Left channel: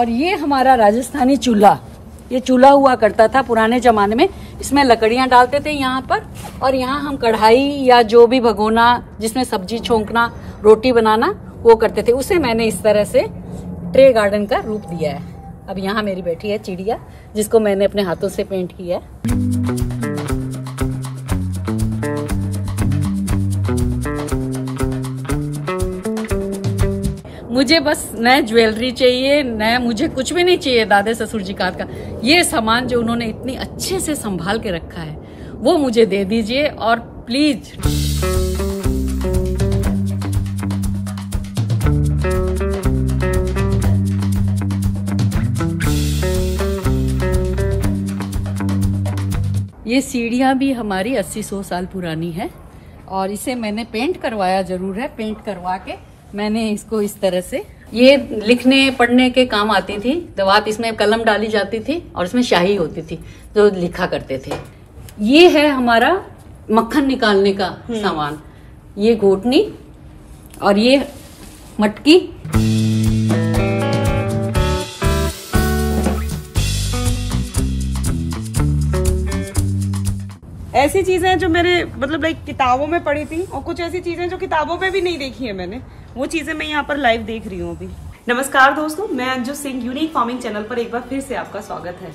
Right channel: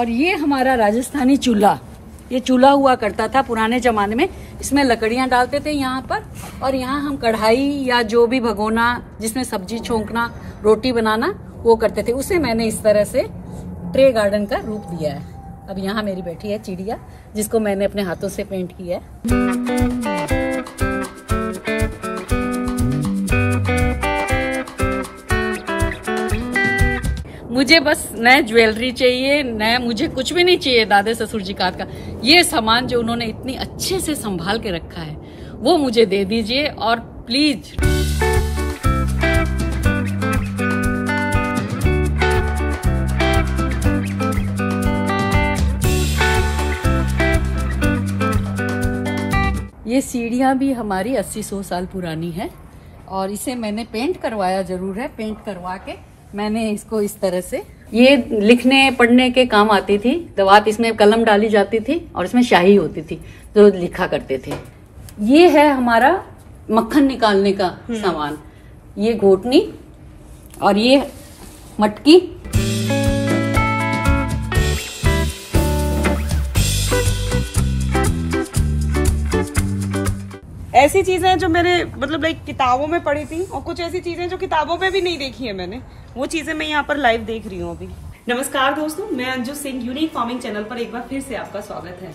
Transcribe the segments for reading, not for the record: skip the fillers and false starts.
और ये हमारा राजस्थानी चूल्हा, ये चूल्हा हुआ करता था पुराने जमाने में। इसमें लकड़ियां डालते थे यहाँ पर, और यहाँ हम कढ़ाई या जो भी भगोना जिसमें सब्जी छोंकना, रोटी बनाना वो करते थे। उसे मैंने इस तरह से ट्रे गार्डन का रूप दिया है। अब यहाँ मेरी बैठी है चिड़िया, जिसको मैंने अपने हाथों से पेंट किया है। मुझे बस नए ज्वेलरी चाहिए, नया मुझे कुछ भी नहीं चाहिए दादे ससुर जी का। ये सामान जो उन्होंने इतनी अच्छे से संभाल के रखा है वो मुझे दे दीजिए, और प्लीज। ये सीढ़ियां भी हमारी 80-100 साल पुरानी है, और इसे मैंने पेंट करवाया जरूर है। पेंट करवा के मैंने इसको इस तरह से, ये लिखने पढ़ने के काम आती थी। दवात इसमें कलम डाली जाती थी और इसमें स्याही होती थी जो लिखा करते थे। ये है हमारा मक्खन निकालने का सामान, ये घोटनी और ये मटकी। ऐसी चीजें जो मैंने मतलब लाइक किताबों में पढ़ी थी, और कुछ ऐसी चीजें जो किताबों पे भी नहीं देखी है मैंने, वो चीजें मैं यहाँ पर लाइव देख रही हूँ अभी। नमस्कार दोस्तों, मैं Anju Singh, unique farming channel पर एक बार फिर से आपका स्वागत है।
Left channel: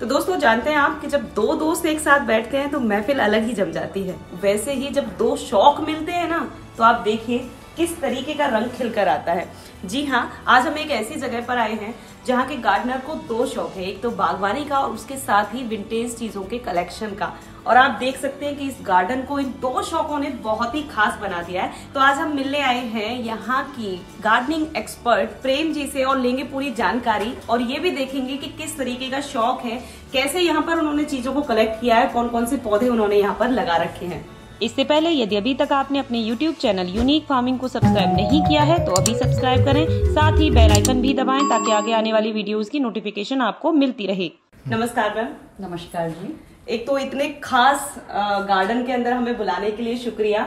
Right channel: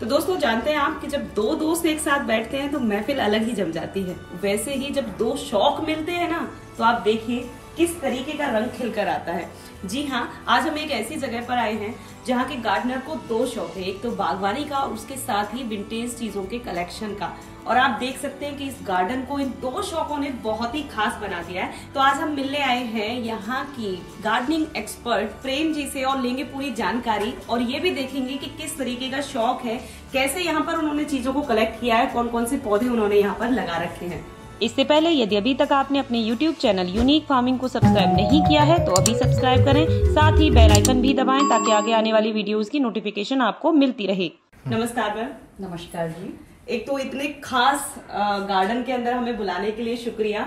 तो दोस्तों, जानते हैं आप कि जब दो दोस्त एक साथ बैठते हैं तो महफिल अलग ही जम जाती है। वैसे ही जब दो शौक मिलते हैं ना, तो आप देखिए किस तरीके का रंग खिलकर आता है। जी हाँ, आज हम एक ऐसी जगह पर आए हैं जहाँ के गार्डनर को दो शौक है, एक तो बागवानी का और उसके साथ ही विंटेज चीजों के कलेक्शन का। और आप देख सकते हैं कि इस गार्डन को इन दो शौकों ने बहुत ही खास बना दिया है। तो आज हम मिलने आए हैं यहाँ की गार्डनिंग एक्सपर्ट प्रेम जी से, और लेंगे पूरी जानकारी, और ये भी देखेंगे कि किस तरीके का शौक है, कैसे यहाँ पर उन्होंने चीजों को कलेक्ट किया है, कौन कौन से पौधे उन्होंने यहाँ पर लगा रखे हैं। इससे पहले यदि अभी तक आपने अपने YouTube चैनल यूनिक फार्मिंग को सब्सक्राइब नहीं किया है तो अभी सब्सक्राइब करें, साथ ही बेल आइकन भी दबाएं ताकि आगे आने वाली वीडियोस की नोटिफिकेशन आपको मिलती रहे। नमस्कार मैम। नमस्कार जी। एक तो इतने खास गार्डन के अंदर हमें बुलाने के लिए शुक्रिया।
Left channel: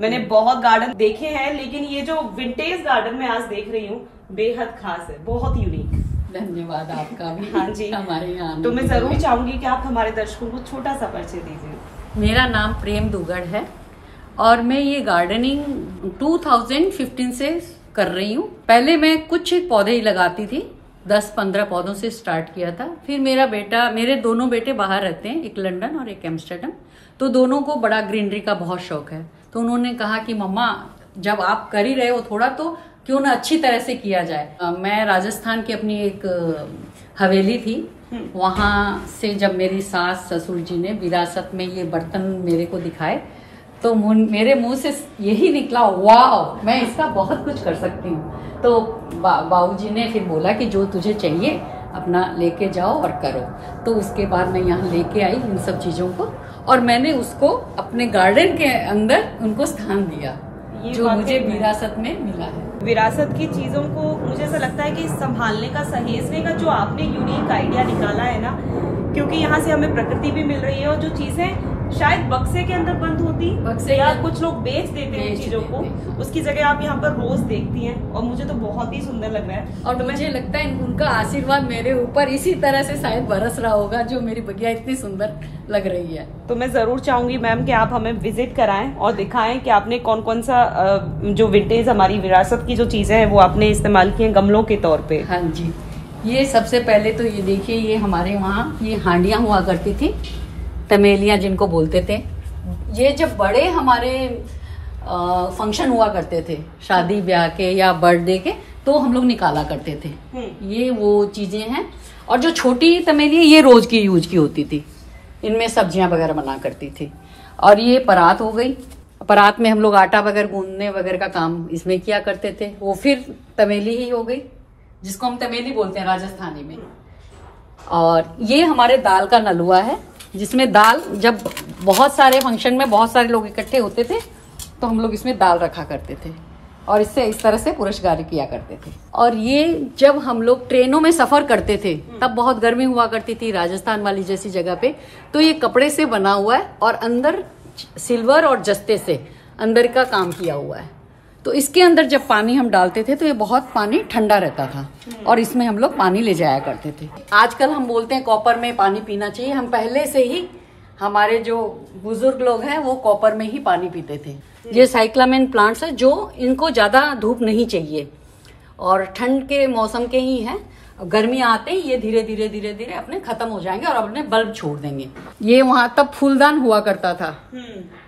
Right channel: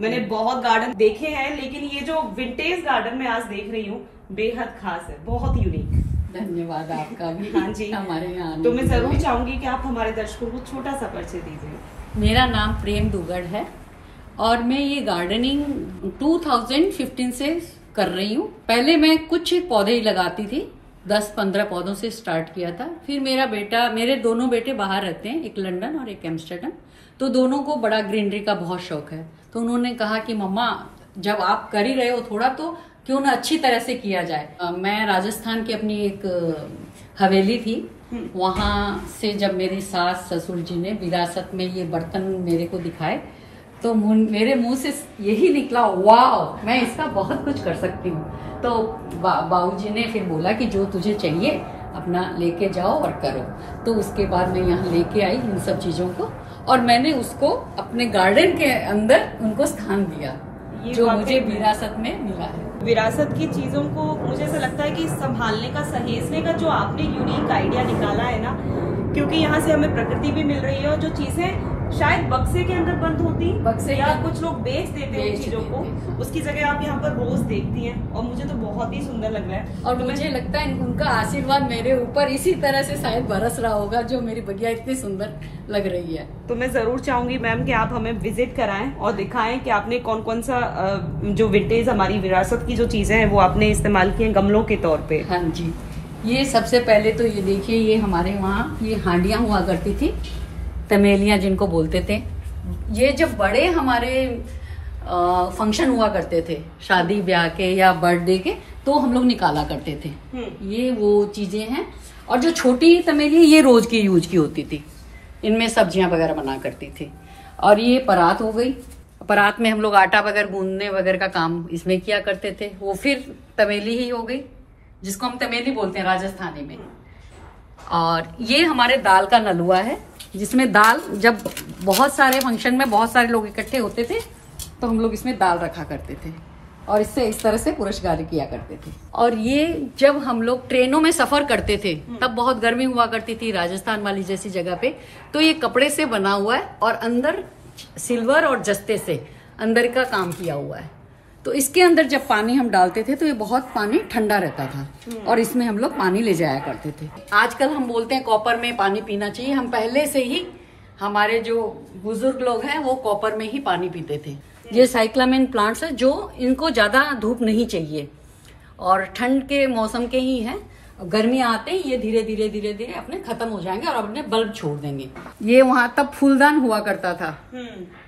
मैंने बहुत गार्डन देखे हैं, लेकिन ये जो विंटेज गार्डन में आज देख रही हूँ बेहद खास है, बहुत यूनिक। धन्यवाद आपका भी। हाँ जी, हमारे यहाँ तो मैं जरूर चाहूंगी कि आप हमारे दर्शकों को छोटा सा परिचय दीजिए। मेरा नाम प्रेम दुगड़ है, और मैं ये गार्डनिंग 2015 से कर रही हूँ। पहले मैं कुछ पौधे ही लगाती थी, 10-15 पौधों से स्टार्ट किया था। फिर मेरे दोनों बेटे बाहर रहते हैं, एक लंदन और एक एम्स्टर्डम, तो दोनों को बड़ा ग्रीनरी का बहुत शौक है। तो उन्होंने कहा कि मम्मा, जब आप कर ही रहे हो थोड़ा, तो क्यों ना अच्छी तरह से किया जाए। मैं राजस्थान की अपनी एक हवेली थी, वहां से जब मेरी सास ससुर जी ने विरासत में ये बर्तन मेरे को दिखाए, तो मेरे मुंह से यही निकला, वाह, मैं इसका बहुत कुछ कर सकती हूँ। तो बाबूजी ने फिर बोला कि जो तुझे चाहिए अपना लेके जाओ और करो। तो उसके बाद मैं यहाँ लेके आई इन सब चीजों को, और मैंने उसको अपने गार्डन के अंदर उनको स्थान दिया, जो मुझे विरासत में मिला है। विरासत की चीजों को मुझे ऐसा लगता है कि संभालने का, सहेजने का जो आपने यूनिक आइडिया निकाला है ना, क्योंकि यहाँ से हमें प्रकृति भी मिल रही है, और जो चीजें शायद बक्से के अंदर बंद होती, बक्से या कुछ लोग बेच देते हैं चीजों को, उसकी जगह आप यहाँ पर रोज देखती हैं, और मुझे तो बहुत ही सुंदर लग रहा है। और मुझे लगता है उनका आशीर्वाद मेरे ऊपर इसी तरह से शायद बरस रहा होगा, जो मेरी बगिया इतनी सुंदर लग रही है। तो मैं जरूर चाहूंगी मैम कि आप हमें विजिट कराएं और दिखाएं कि आपने कौन कौन सा जो विंटेज हमारी विरासत की जो चीजें हैं वो आपने इस्तेमाल की है गमलों के तौर पे। हाँ जी, ये सबसे पहले तो ये देखिए, ये हमारे वहाँ ये हांडियां हुआ करती थी, तमेलियां जिनको बोलते थे। ये जब बड़े हमारे फंक्शन हुआ करते थे, शादी ब्याह के या बर्थडे के, तो हम लोग निकाला करते थे। ये वो चीजें हैं। और जो छोटी तमेली, ये रोज की यूज की होती थी, इनमें सब्जियां वगैरह बना करती थी। और ये परात हो गई, परात में हम लोग आटा वगैरह गूंदने वगैरह का काम इसमें किया करते थे। वो फिर तमेली ही हो गई, जिसको हम तमेली बोलते हैं राजस्थानी में। और ये हमारे दाल का नलुआ है, जिसमें दाल, जब बहुत सारे फंक्शन में बहुत सारे लोग इकट्ठे होते थे तो हम लोग इसमें दाल रखा करते थे, और इससे इस तरह से पुरस्कार किया करते थे। और ये जब हम लोग ट्रेनों में सफर करते थे, तब बहुत गर्मी हुआ करती थी राजस्थान वाली जैसी जगह पे, तो ये कपड़े से बना हुआ है, और अंदर सिल्वर और जस्ते से अंदर का काम किया हुआ है। तो इसके अंदर जब पानी हम डालते थे तो ये बहुत पानी ठंडा रहता था और इसमें हम लोग पानी ले जाया करते थे। आजकल हम बोलते हैं कॉपर में पानी पीना चाहिए, हम पहले से ही हमारे जो बुजुर्ग लोग हैं वो कॉपर में ही पानी पीते थे। ये साइक्लामेन प्लांट्स है जो इनको ज्यादा धूप नहीं चाहिए और ठंड के मौसम के ही हैं। गर्मियां आते ही ये धीरे धीरे धीरे धीरे अपने खत्म हो जाएंगे और अपने बल्ब छोड़ देंगे। ये वहां तब फूलदान हुआ करता था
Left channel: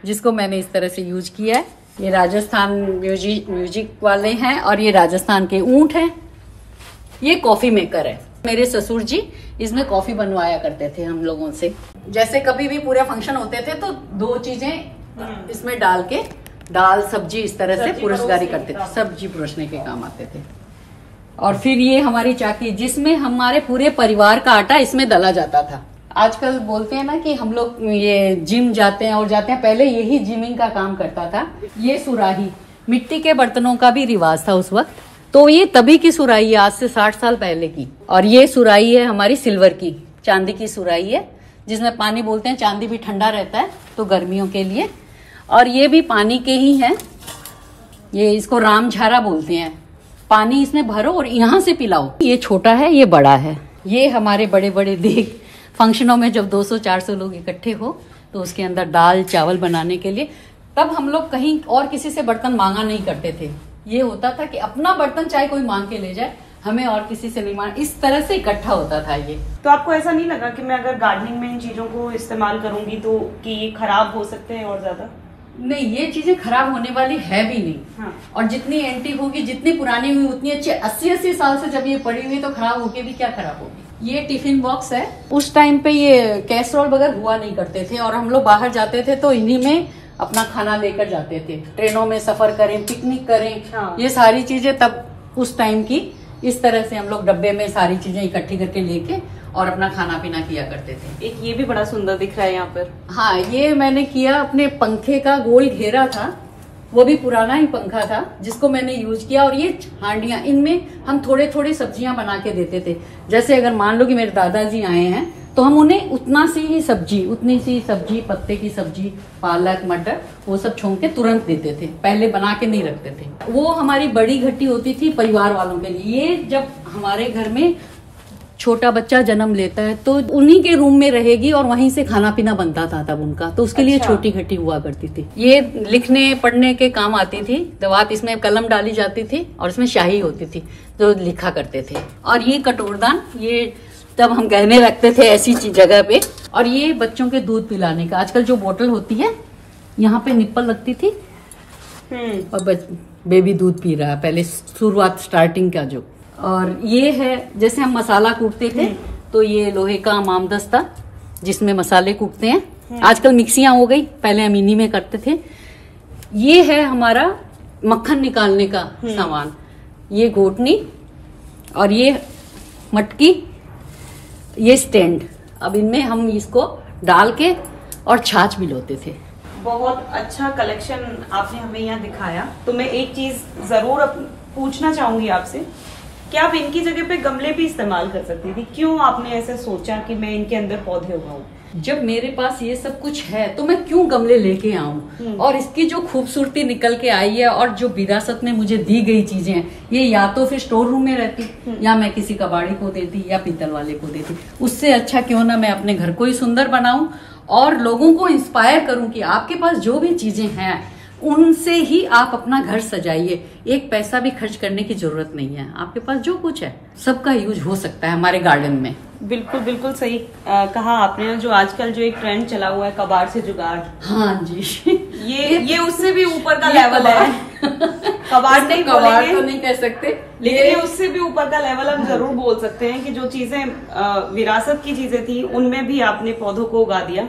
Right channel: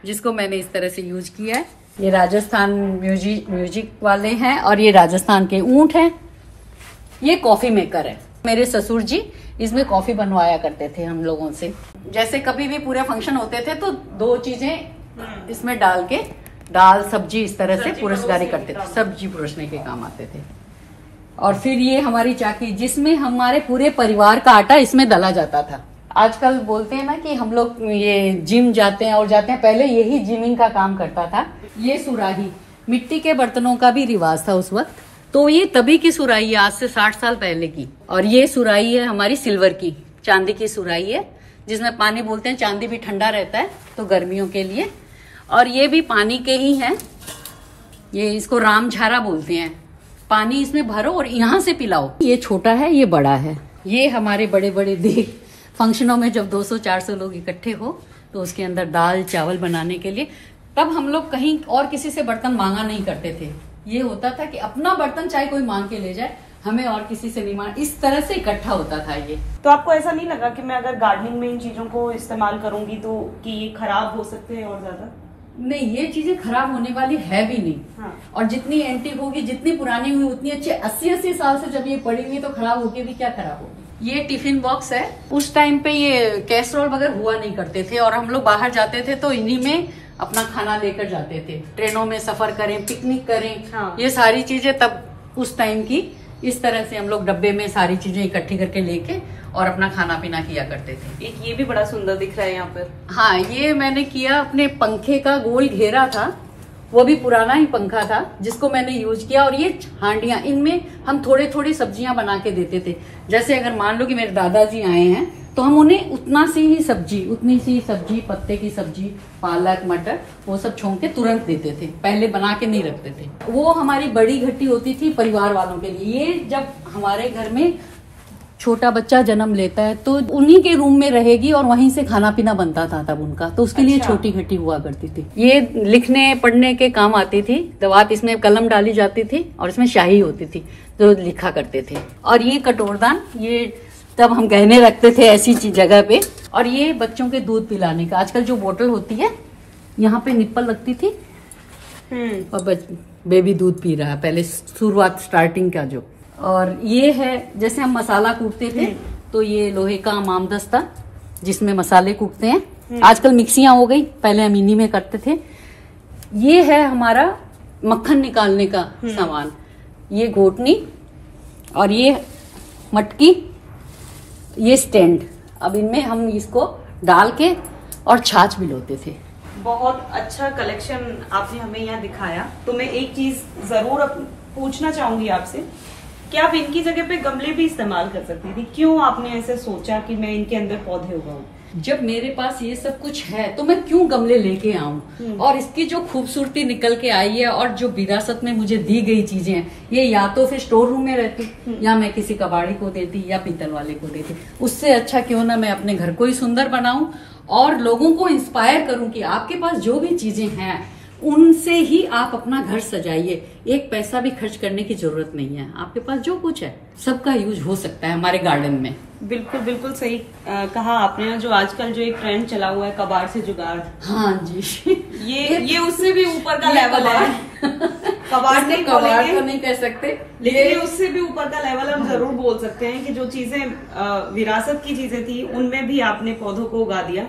जिसको मैंने इस तरह से यूज किया है। ये राजस्थान म्यूजिक वाले हैं और ये राजस्थान के ऊंट हैं। ये कॉफी मेकर है। मेरे ससुर जी इसमें कॉफी बनवाया करते थे हम लोगों से। जैसे कभी भी पूरे फंक्शन होते थे तो 2 चीजें इसमें डाल के दाल सब्जी इस तरह से पुरुषगारी करते थे, सब्जी पुरुषने के काम आते थे। और फिर ये हमारी चाकी जिसमें हमारे पूरे परिवार का आटा इसमें दला जाता था। आजकल बोलते हैं ना कि हम लोग ये जिम जाते हैं और जाते हैं, पहले यही जिमिंग का काम करता था। ये सुराही मिट्टी के बर्तनों का भी रिवाज था उस वक्त, तो ये तभी की सुराही है, आज से 60 साल पहले की। और ये सुराही है हमारी सिल्वर की, चांदी की सुराही है जिसमें पानी बोलते हैं। चांदी भी ठंडा रहता है तो गर्मियों के लिए। और ये भी पानी के ही है, ये इसको रामझारा बोलते हैं। पानी इसमें भरो और यहाँ से पिलाओ। ये छोटा है, ये बड़ा है। ये हमारे बड़े बड़े देख फंक्शनों में जब 200-400 लोग इकट्ठे हो तो उसके अंदर दाल चावल बनाने के लिए, तब हम लोग कहीं और किसी से बर्तन मांगा नहीं करते थे। ये होता था कि अपना बर्तन चाहे कोई मांग के ले जाए, हमें और किसी से नहीं मांग, इस तरह से इकट्ठा होता था ये। तो आपको ऐसा नहीं लगा कि मैं अगर गार्डनिंग में इन चीजों को इस्तेमाल करूंगी तो कि ये खराब हो सकते हैं और ज्यादा? नहीं, ये चीजें खराब होने वाली है भी नहीं। हाँ। और जितनी एंटीक होगी, जितनी पुरानी हुई उतनी अच्छी। 80-80 साल से जब ये पड़ी हुई तो खराब होके भी क्या खराब होगी। ये टिफिन बॉक्स है। उस टाइम पे ये कैसरोल वगैरह हुआ नहीं करते थे और हम लोग बाहर जाते थे तो इन्हीं में अपना खाना लेकर जाते थे। ट्रेनों में सफर करें, पिकनिक करें। हाँ। ये सारी चीजें तब उस टाइम की इस तरह से हम लोग डब्बे में सारी चीजें इकट्ठी करके लेके और अपना खाना पीना किया करते थे। एक ये भी बड़ा सुंदर दिख रहा है यहाँ पर। हाँ, ये मैंने किया अपने पंखे का गोल घेरा था, वो भी पुराना ही पंखा था जिसको मैंने यूज किया। और ये हांडियां, इनमें हम थोड़े थोड़े सब्जियां बना के देते थे। जैसे अगर मान लो कि मेरे दादाजी आए हैं तो हम उन्हें उतनी सी सब्जी, पत्ते की सब्जी, पालक, मटर, वो सब छोंक के तुरंत देते थे। पहले बना के नहीं रखते थे। वो हमारी बड़ी घटी होती थी परिवार वालों के लिए। ये जब हमारे घर में छोटा बच्चा जन्म लेता है तो उन्हीं के रूम में रहेगी और वहीं से खाना पीना बनता था तब उनका, तो उसके लिए छोटी घटी हुआ करती थी। ये लिखने पढ़ने के काम आती थी। दवात इसमें कलम डाली जाती थी और इसमें शाही होती थी जो लिखा करते थे। और ये कटोरदान, ये तब हम गहने रखते थे ऐसी जगह पे। और ये बच्चों के दूध पिलाने का, आजकल जो बोतल होती है यहाँ पे निप्पल लगती थी और बेबी दूध पी रहा है, पहले शुरुआत स्टार्टिंग का जो। और ये है जैसे हम मसाला कूटते थे तो ये लोहे का मामदस्ता जिसमें मसाले कूटते हैं। आजकल मिक्सियां हो गई, पहले हम इन्हीं में करते थे। ये है हमारा मक्खन निकालने का सामान, ये घोटनी और ये मटकी, ये स्टैंड। अब इनमें हम इसको डाल के और छाछ मिलोते थे। बहुत अच्छा कलेक्शन आपने हमें यहाँ दिखाया। तो मैं एक चीज जरूर पूछना चाहूंगी आपसे, क्या आप इनकी जगह पे गमले भी इस्तेमाल कर सकती थी? क्यों आपने ऐसे सोचा कि मैं इनके अंदर पौधे उगाऊं? जब मेरे पास ये सब कुछ है तो मैं क्यों गमले लेके आऊं? और इसकी जो खूबसूरती निकल के आई है और जो विरासत में मुझे दी गई चीजें हैं, ये या तो फिर स्टोर रूम में रहती या मैं किसी कबाड़ी को देती या पीतल वाले को देती। उससे अच्छा क्यों ना मैं अपने घर को ही सुंदर बनाऊं और लोगों को इंस्पायर करूं कि आपके पास जो भी चीजें हैं उनसे ही आप अपना घर सजाइए। एक पैसा भी खर्च करने की जरूरत नहीं है, आपके पास जो कुछ है सबका यूज हो सकता है हमारे गार्डन में। बिल्कुल बिल्कुल सही कहा आपने। जो आजकल जो एक ट्रेंड चला हुआ है कबाड़ से जुगाड़, हाँ जी, ये उससे भी ऊपर का लेवल है। कबाड़ तो नहीं कह सकते, लेकिन उससे भी ऊपर का लेवल हम जरूर बोल सकते हैं कि जो चीजें विरासत की चीजें थी उनमें भी आपने पौधों को उगा दिया।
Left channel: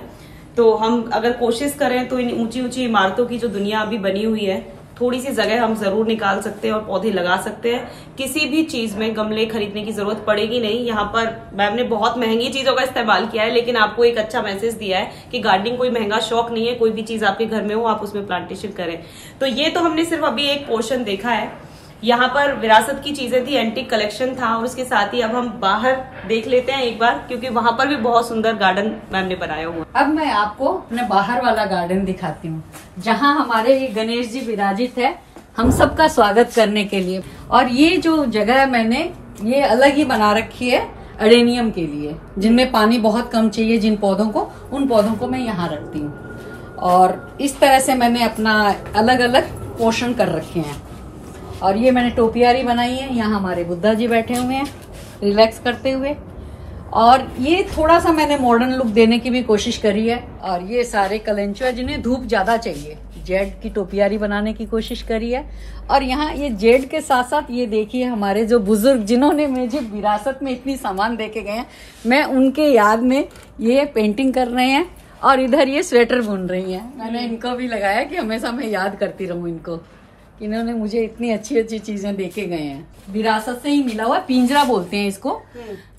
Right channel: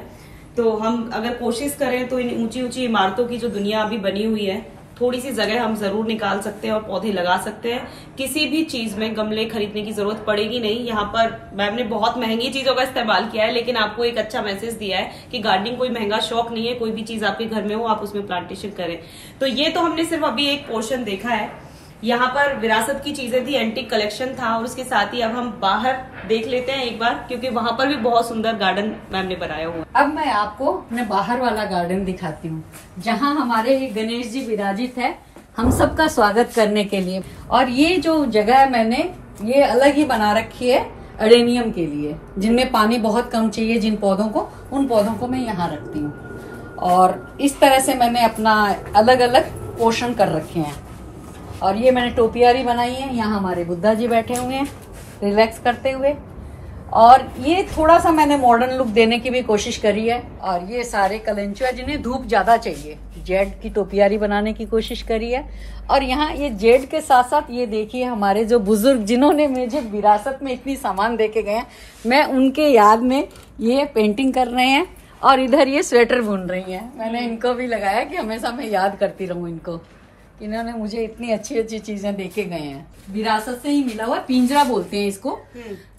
तो हम अगर कोशिश करें तो इन ऊंची ऊंची इमारतों की जो दुनिया अभी बनी हुई है, थोड़ी सी जगह हम जरूर निकाल सकते हैं और पौधे लगा सकते हैं। किसी भी चीज में गमले खरीदने की जरूरत पड़ेगी नहीं। यहाँ पर मैम ने बहुत महंगी चीजों का इस्तेमाल किया है, लेकिन आपको एक अच्छा मैसेज दिया है कि गार्डनिंग कोई महंगा शौक नहीं है। कोई भी चीज आपके घर में हो आप उसमें प्लांटेशन करें। तो ये तो हमने सिर्फ अभी एक पोर्शन देखा है। यहाँ पर विरासत की चीजें थी, एंटीक कलेक्शन था, और उसके साथ ही अब हम बाहर देख लेते हैं एक बार, क्योंकि वहां पर भी बहुत सुंदर गार्डन मैम ने बनाया हुआ। अब मैं आपको अपने बाहर वाला गार्डन दिखाती हूँ जहाँ हमारे गणेश जी विराजित है। हम सबका स्वागत करने के लिए। और ये जो जगह मैंने ये अलग ही बना रखी है अडेनियम के लिए, जिनमें पानी बहुत कम चाहिए, जिन पौधों को, उन पौधों को मैं यहाँ रखती हूँ। और इस तरह से मैंने अपना अलग अलग पोर्शन कर रखे हैं। और ये मैंने टोपियारी बनाई है, यहाँ हमारे बुद्धा जी बैठे हुए हैं रिलैक्स करते हुए। और ये थोड़ा सा मैंने मॉडर्न लुक देने की भी कोशिश करी है। और ये सारे कलेंचुआ जिन्हें धूप ज्यादा चाहिए, जेड की टोपियारी बनाने की कोशिश करी है। और यहाँ ये जेड के साथ साथ ये देखिए हमारे जो बुजुर्ग जिन्होंने मुझे विरासत में इतनी सामान देके गए हैं, मैं उनके याद में ये पेंटिंग कर रहे हैं। और इधर ये स्वेटर बुन रही है। मैंने इनको भी लगाया कि हमेशा मैं याद करती रहूं इनको, इन्होंने मुझे इतनी अच्छी अच्छी चीजें देके गए हैं। विरासत से ही मिला हुआ पिंजरा बोलते हैं इसको।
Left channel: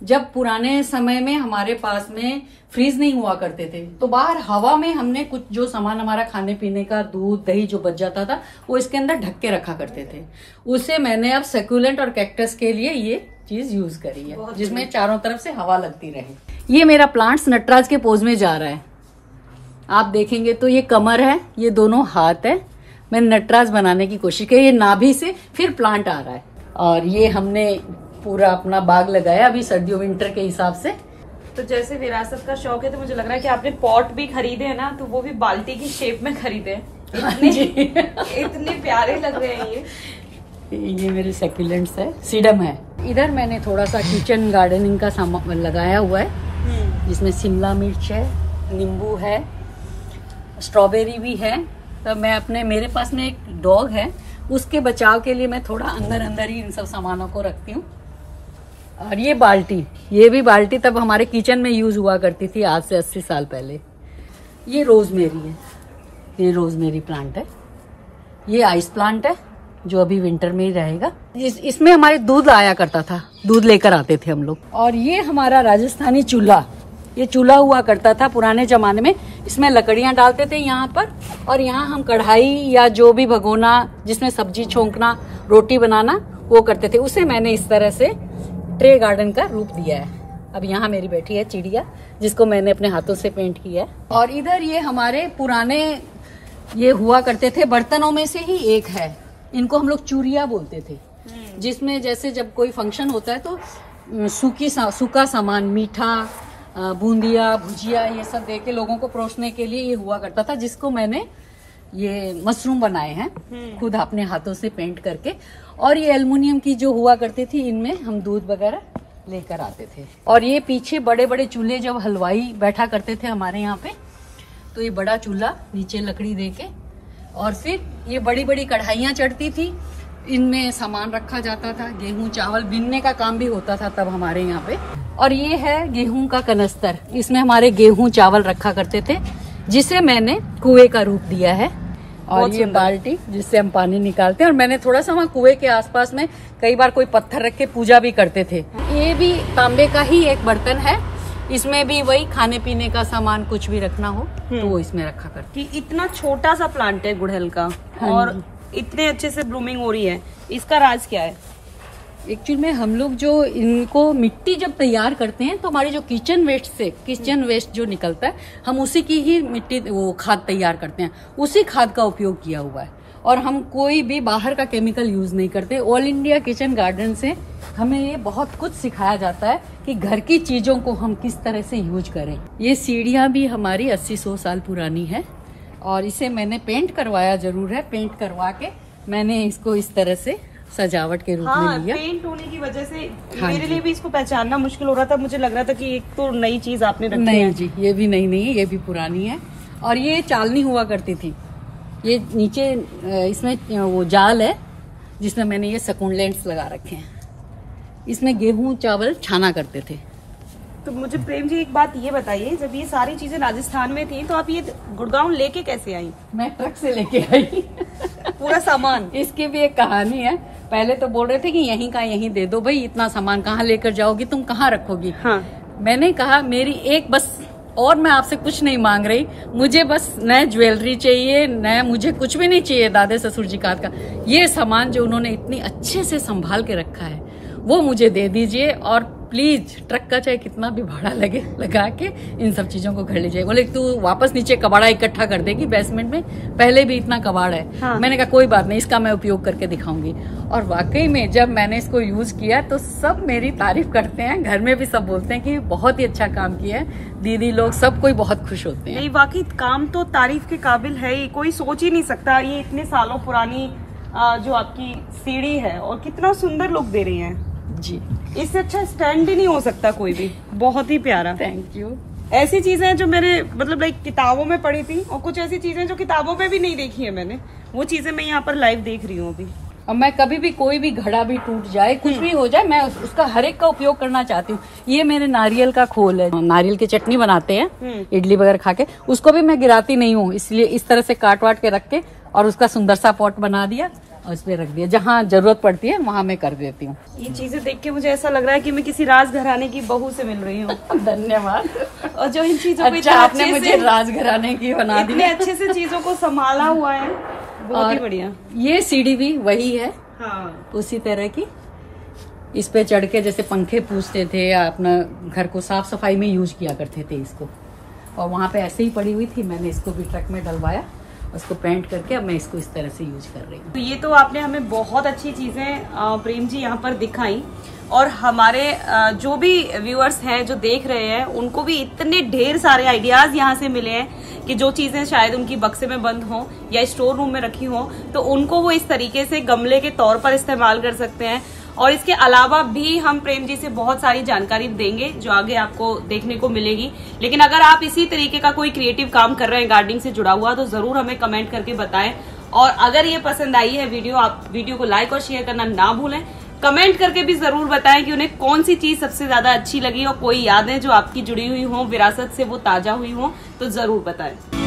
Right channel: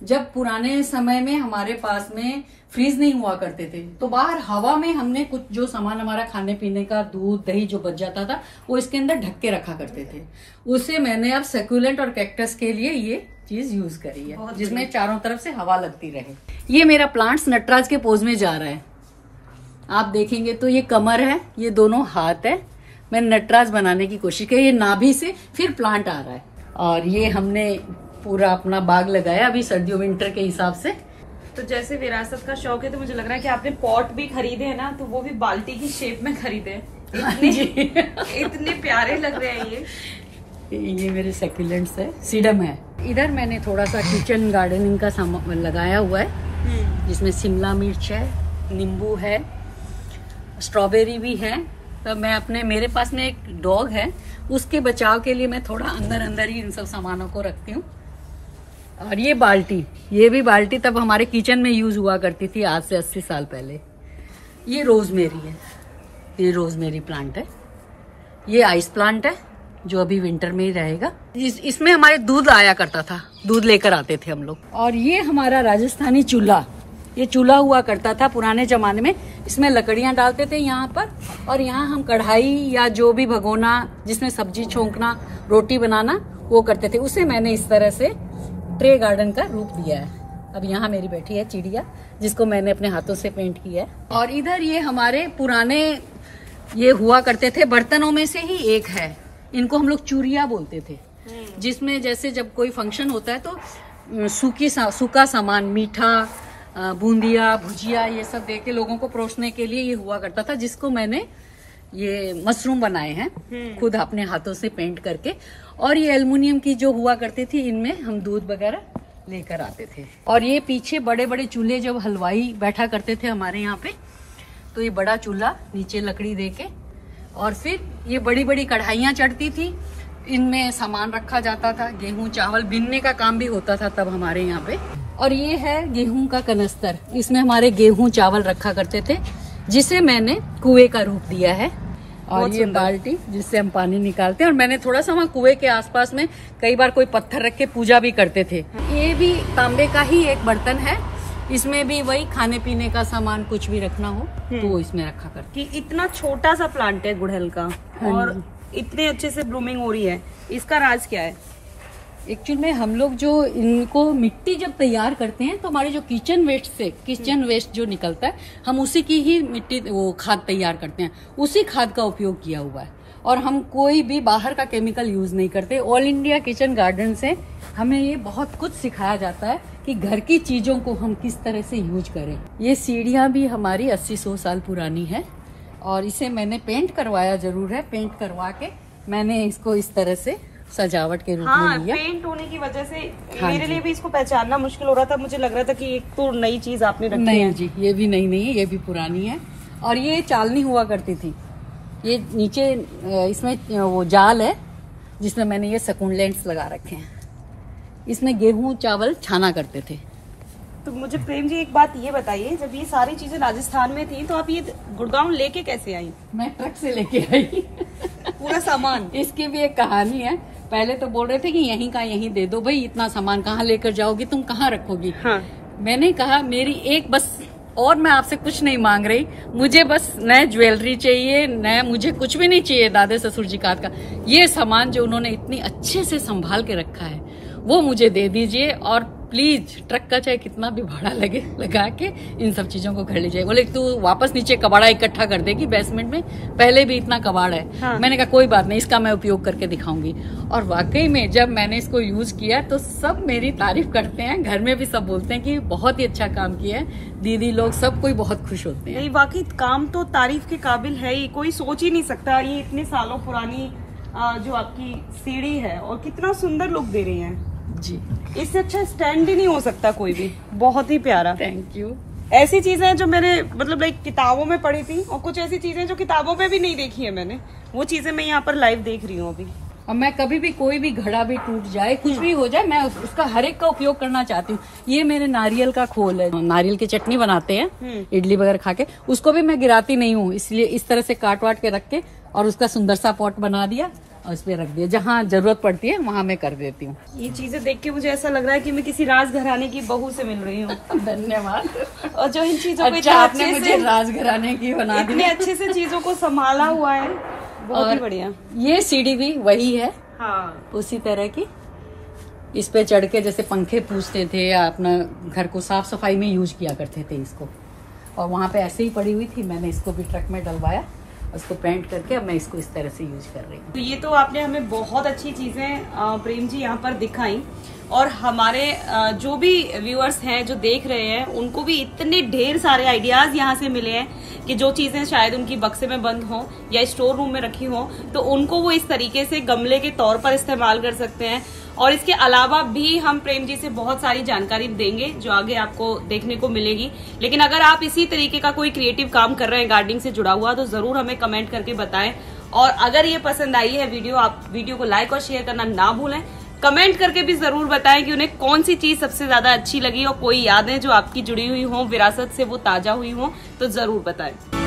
जब पुराने समय में हमारे पास में फ्रीज नहीं हुआ करते थे, तो बाहर हवा में हमने कुछ जो सामान हमारा खाने पीने का, दूध दही जो बच जाता था, वो इसके अंदर ढक के रखा करते थे। उसे मैंने अब सेक्यूलेंट और कैक्टस के लिए ये चीज यूज करी है, जिसमें चारों तरफ से हवा लगती रहे। ये मेरा प्लांट्स नटराज के पोज में जा रहा है। आप देखेंगे तो ये कमर है, ये दोनों हाथ है। मैंने नटराज बनाने की कोशिश की। ये नाभि से फिर प्लांट आ रहा है। और ये हमने पूरा अपना बाग लगाया अभी सर्दियों विंटर के हिसाब से। तो जैसे विरासत का शौक है, तो मुझे लग रहा है कि आपने पॉट भी खरीदे हैं ना, तो वो भी बाल्टी की शेप में खरीदे। इतने प्यारे लग रहे हैं ये मेरे सेक्यूलेंट्स है, सीडम है। इधर मैंने थोड़ा सा किचन गार्डनिंग का सामान लगाया हुआ है, जिसमें शिमला मिर्च है, नींबू है, स्ट्रॉबेरी भी है। तो मैं मेरे पास में एक डॉग है, उसके बचाव के लिए मैं थोड़ा अंदर अंदर ही इन सब सामानों को रखती हूँ। और ये बाल्टी, ये भी बाल्टी तब हमारे किचन में यूज हुआ करती थी, आज से 80 साल पहले। ये रोजमेरी है, ये रोजमेरी प्लांट है। ये आइस प्लांट है जो अभी विंटर में ही रहेगा। इसमें हमारे दूध आया करता था, दूध लेकर आते थे हम लोग। और ये हमारा राजस्थानी चूल्हा, ये चूल्हा हुआ करता था पुराने जमाने में। इसमें लकड़ियां डालते थे यहाँ पर, और यहाँ हम कढ़ाई या जो भी भगोना जिसमें सब्जी छोंकना, रोटी बनाना, वो करते थे। उसे मैंने इस तरह से ट्रे गार्डन का रूप दिया है। अब यहाँ मेरी बैठी है चिड़िया, जिसको मैंने अपने हाथों से पेंट किया है। और इधर ये हमारे पुराने ये हुआ करते थे बर्तनों में से ही एक है। इनको हम लोग चूरिया बोलते थे, जिसमें जैसे जब कोई फंक्शन होता है तो सूखा सामान, मीठा, बूंदिया, भुजिया, ये सब दे के लोगों को परोसने के लिए ये हुआ करता था, जिसको मैंने ये मशरूम बनाए हैं खुद अपने हाथों से पेंट करके। और ये एल्युमिनियम की जो हुआ करती थी, इनमें हम दूध वगैरह लेकर आते थे। और ये पीछे बड़े बड़े चूल्हे, जब हलवाई बैठा करते थे हमारे यहाँ पे, तो ये बड़ा चूल्हा नीचे लकड़ी दे के, और फिर ये बड़ी बड़ी कढ़ाइयां चढ़ती थी, इनमें सामान रखा जाता था। गेहूं चावल बीनने का काम भी होता था तब हमारे यहाँ पे। और ये है गेहूं का कनस्तर, इसमें हमारे गेहूं चावल रखा करते थे, जिसे मैंने कुएं का रूप दिया है। और ये बाल्टी जिससे हम पानी निकालते हैं। और मैंने थोड़ा सा वहाँ कुएं के आसपास में कई बार कोई पत्थर रख के पूजा भी करते थे। ये भी तांबे का ही एक बर्तन है, इसमें भी वही खाने पीने का सामान कुछ भी रखना हो तो वो इसमें रखा करते। इतना छोटा सा प्लांट है गुड़हल का, और इतने अच्छे से ब्लूमिंग हो रही है, इसका राज क्या है? एक्चुअली में हम लोग जो इनको मिट्टी जब तैयार करते हैं, तो हमारे जो किचन वेस्ट जो निकलता है, हम उसी की ही मिट्टी, वो खाद तैयार करते हैं, उसी खाद का उपयोग किया हुआ है। और हम कोई भी बाहर का केमिकल यूज नहीं करते। ऑल इंडिया किचन गार्डन से हमें ये बहुत कुछ सिखाया जाता है कि घर की चीजों को हम किस तरह से यूज करें। ये सीढ़ियां भी हमारी 80-100 साल पुरानी है, और इसे मैंने पेंट करवाया जरूर है। पेंट करवा के मैंने इसको इस तरह से सजावट के रूप में लिया। पेंट होने की वजह से मेरे लिए भी इसको पहचानना मुश्किल हो रहा था। मुझे लग रहा था कि एक तो नई चीज आपने रखी है। नहीं जी, ये भी नई नहीं है, ये भी पुरानी है। और ये चालनी हुआ करती थी, ये नीचे इसमें वो जाल है जिसमें मैंने ये सकुलेंट्स लगा रखे हैं। इसमें गेहूं चावल छाना करते थे। तो मुझे प्रेम जी एक बात ये बताइए, जब ये सारी चीजें राजस्थान में थी, तो आप ये गुड़गांव लेके कैसे आई? मैं ट्रक से लेके आई पूरा सामान। इसकी भी एक कहानी है। पहले तो बोल रहे थे कि यहीं का यहीं दे दो भाई, इतना सामान कहाँ लेकर जाओगी, तुम कहाँ रखोगी। मैंने कहा मेरी एक बस, और मैं आपसे कुछ नहीं मांग रही, मुझे बस नया ज्वेलरी चाहिए, नया मुझे कुछ भी नहीं चाहिए दादे ससुर जी का। ये सामान जो उन्होंने इतनी अच्छे से संभाल के रखा है वो मुझे दे दीजिए, और प्लीज ट्रक का चाहे कितना भी भाड़ा लगे लगा के इन सब चीजों को कर लीजिए। बोले तू वापस नीचे कबाड़ा इकट्ठा कर देगी बेसमेंट में, पहले भी इतना कबाड़ है। हाँ। मैंने कहा कोई बात नहीं, इसका मैं उपयोग करके दिखाऊंगी। और वाकई में जब मैंने इसको यूज किया तो सब मेरी तारीफ करते हैं, घर में भी सब बोलते हैं कि बहुत ही अच्छा काम किया है, दीदी लोग सब कोई बहुत खुश होते हैं। नहीं वाकई काम तो तारीफ के काबिल है ही, कोई सोच ही नहीं सकता। ये इतने सालों पुरानी जो आपकी सीढ़ी है और कितना सुंदर लुक दे रही है जी। इससे अच्छा स्टैंड ही नहीं हो सकता कोई भी, बहुत ही प्यारा। Thank you. ऐसी चीजें जो मेरे मतलब लाइक किताबों में पढ़ी थी और कुछ ऐसी चीजें जो किताबों में भी नहीं देखी है मैंने, वो चीजें मैं यहाँ पर लाइव देख रही हूँ अभी। और मैं कभी भी कोई भी घड़ा भी टूट जाए, कुछ भी हो जाए, मैं उसका हर एक का उपयोग करना चाहती हूँ। ये मेरे नारियल का खोल है, नारियल की चटनी बनाते हैं इडली वगैरह खा के, उसको भी मैं गिराती नहीं हूँ, इसलिए इस तरह से काट वाट के रख के और उसका सुंदर सा पॉट बना दिया और उस पे रख दिया, जहाँ जरूरत पड़ती है वहाँ मैं कर देती हूँ। ये चीजें देख के मुझे ऐसा लग रहा है कि मैं किसी राजघराने की बहू से मिल रही हूँ। धन्यवाद। और जो इन चीजों को अच्छा, आपने मुझे राजघराने की बना दी, इतने अच्छे से चीजों को संभाला हुआ है, बहुत ही बढ़िया। ये सीढ़ी भी वही है, हाँ। उसी तरह की। इस पे चढ़ के जैसे पंखे पूछते थे या अपना घर को साफ सफाई में यूज किया करते थे इसको, और वहाँ पे ऐसे ही पड़ी हुई थी, मैंने इसको भी ट्रक में डलवाया, उसको पेंट करके अब मैं इसको इस तरह से यूज कर रही हूँ। तो ये तो आपने हमें बहुत अच्छी चीजें प्रेम जी यहाँ पर दिखाई, और हमारे जो भी व्यूअर्स हैं जो देख रहे हैं उनको भी इतने ढेर सारे आइडियाज यहाँ से मिले हैं कि जो चीजें शायद उनकी बक्से में बंद हो या स्टोर रूम में रखी हो तो उनको वो इस तरीके से गमले के तौर पर इस्तेमाल कर सकते हैं। और इसके अलावा भी हम प्रेम जी से बहुत सारी जानकारी देंगे जो आगे आपको देखने को मिलेगी। लेकिन अगर आप इसी तरीके का कोई क्रिएटिव काम कर रहे हैं गार्डनिंग से जुड़ा हुआ तो जरूर हमें कमेंट करके बताएं। और अगर ये पसंद आई है वीडियो, आप वीडियो को लाइक और शेयर करना ना भूलें। कमेंट करके भी जरूर बताएं कि उन्हें कौन सी चीज सबसे ज्यादा अच्छी लगी और कोई यादें जो आपकी जुड़ी हुई हो, विरासत से वो ताजा हुई हो, तो जरूर बताएं।